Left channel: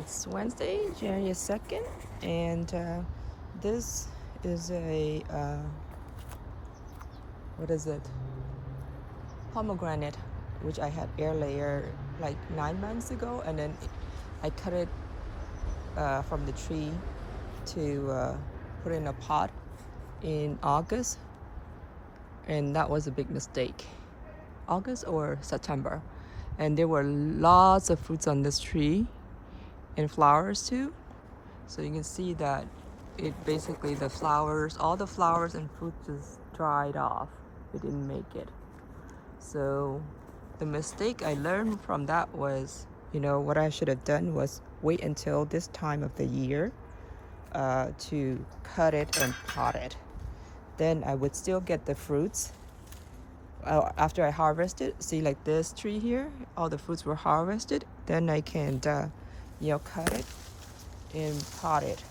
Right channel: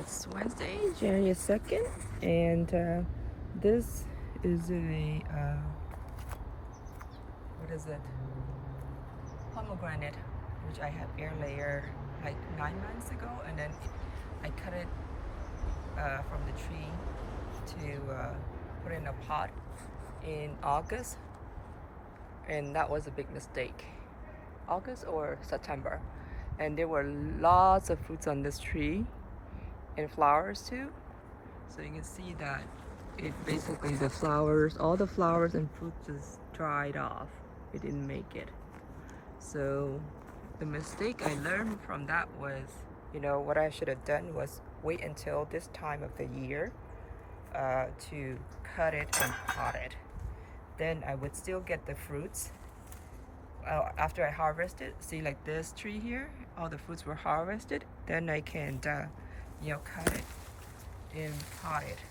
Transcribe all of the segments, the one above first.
It's Wednesday, January 2nd, and this is a what is it? Pomegranate, which I had air layer like 9 months ago, and then I cut it from the tree to put in a pot in August, and that was a big mistake. August or September, and there were lots of fruits on this tree and flowers too. So you can see that it basically the flowers, all the flowers and fruit just dried off. It didn't make it. So the mistake I learned from that was, what I should have done was wait until this time of the year to cut it and pot it. Then I would still get the fruits after I harvested. See, like this tree here, all the fruits were harvested. Then I can, cut it and pot it.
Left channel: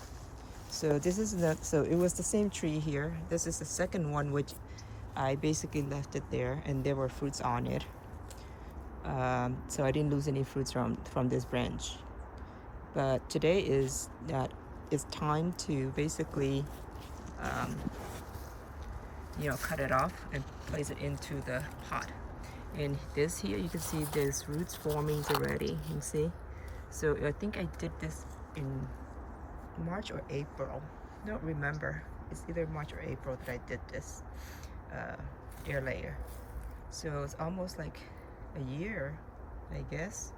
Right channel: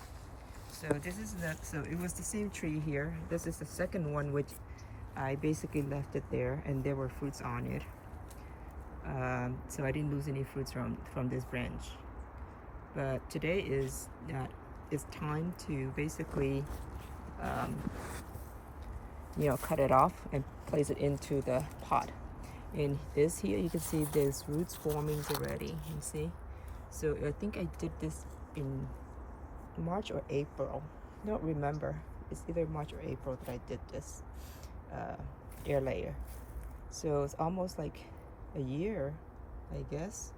So this is so it was the same tree here. This is the second one, which I basically left it there, and there were fruits on it. So I didn't lose any fruits from this branch. But today is that it's time to basically, cut it off and place it into the pot. And this here, you can see there's roots forming already. You see? So I think I did this in March or April. I don't remember. It's either March or April that I did this air layer. So it's almost like a year, I guess.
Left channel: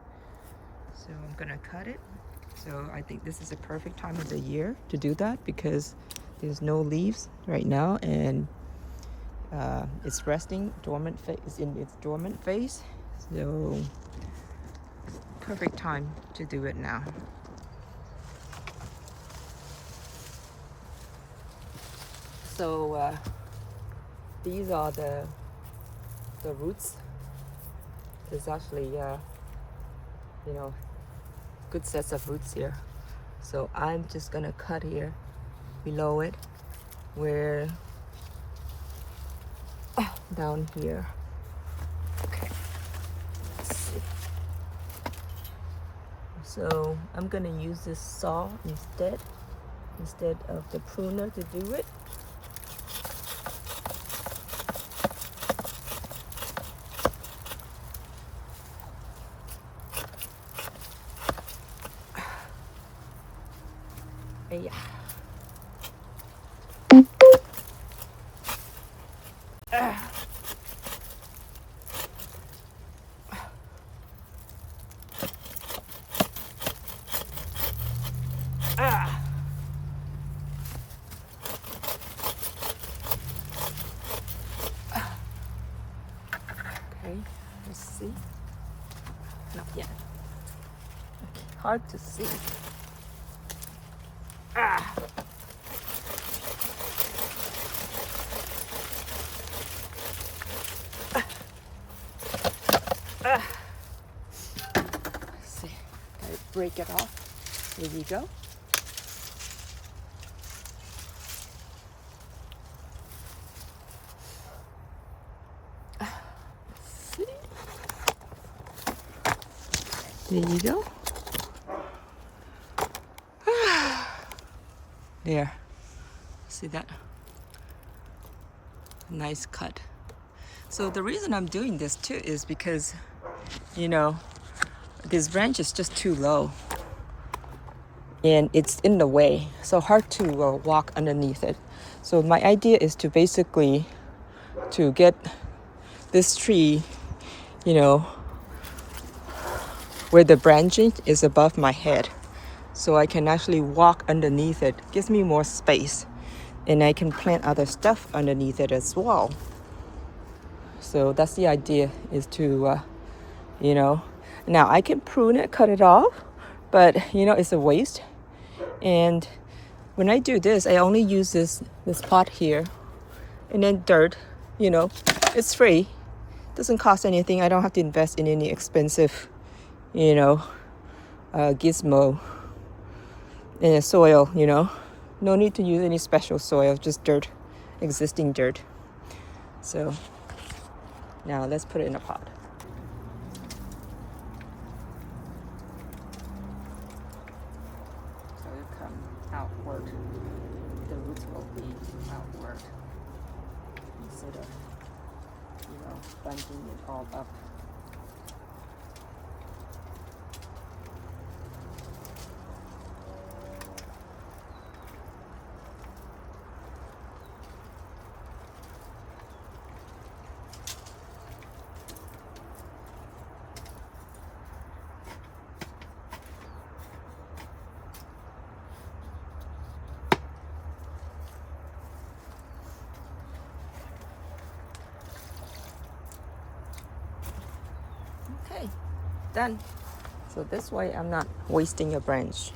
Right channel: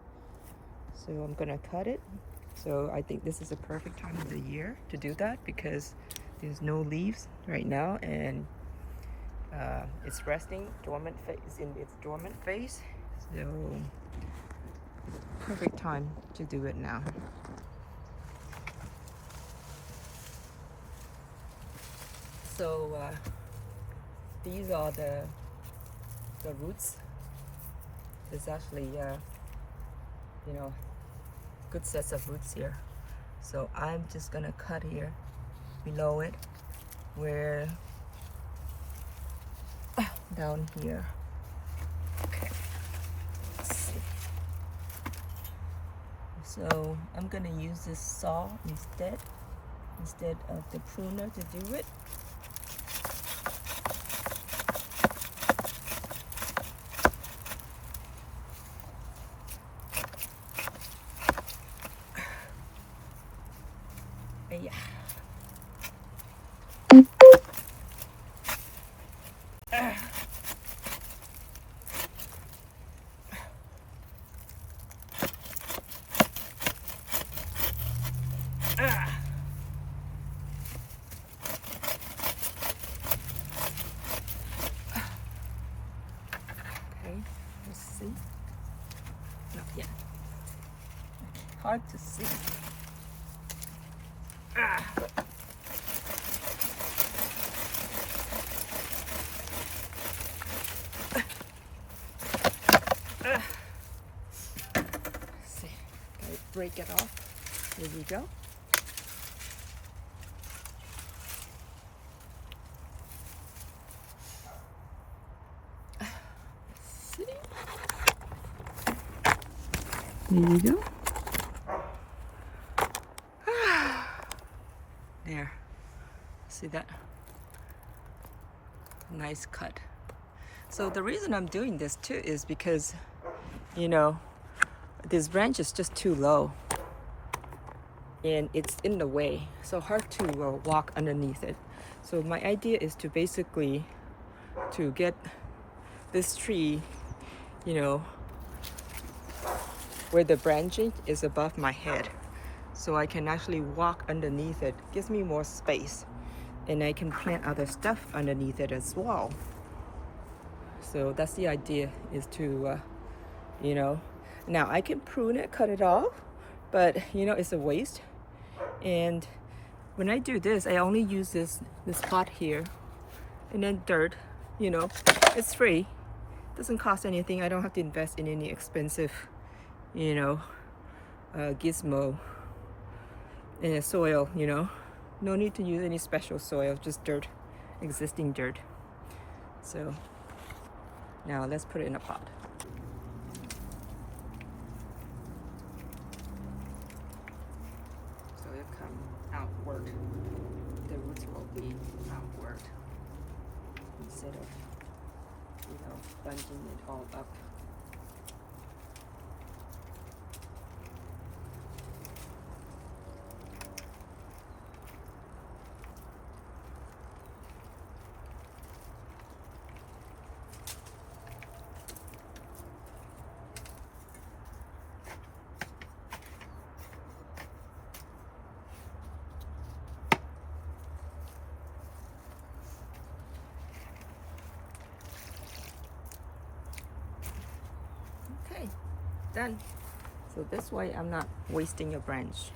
So I'm gonna cut it. So I think this is a perfect time of the year to do that because there's no leaves right now, and it's resting dormant phase, in its dormant phase. So perfect time to do it now. So these are the roots. There's actually good sets of roots here. So I'm just gonna cut here below it, where down here. Okay. Let's see. So I'm gonna use this saw instead of the pruner to do it. Yeah. Okay, let's see. Not yet. Okay, hard to see. Let's see. I break it off. Here we go. See? There you go. There. See that? Nice cut. So the reason I'm doing this too is because, this branch is just too low and it's in the way, so hard to walk underneath it. So my idea is to basically to get this tree, where the branching is above my head, so I can actually walk underneath it. Gives me more space, and I can plant other stuff underneath it as well. So that's the idea, is to now I can prune it, cut it off, but it's a waste. And when I do this, I only use this pot here, and then dirt. It's free, doesn't cost anything. I don't have to invest in any expensive gizmo in the soil. No need to use any special soil, just dirt, existing dirt. So now let's put it in a pot. will come outward. The roots will be outward instead of, bunching it all up. Okay, done. So this way I'm not wasting your branch.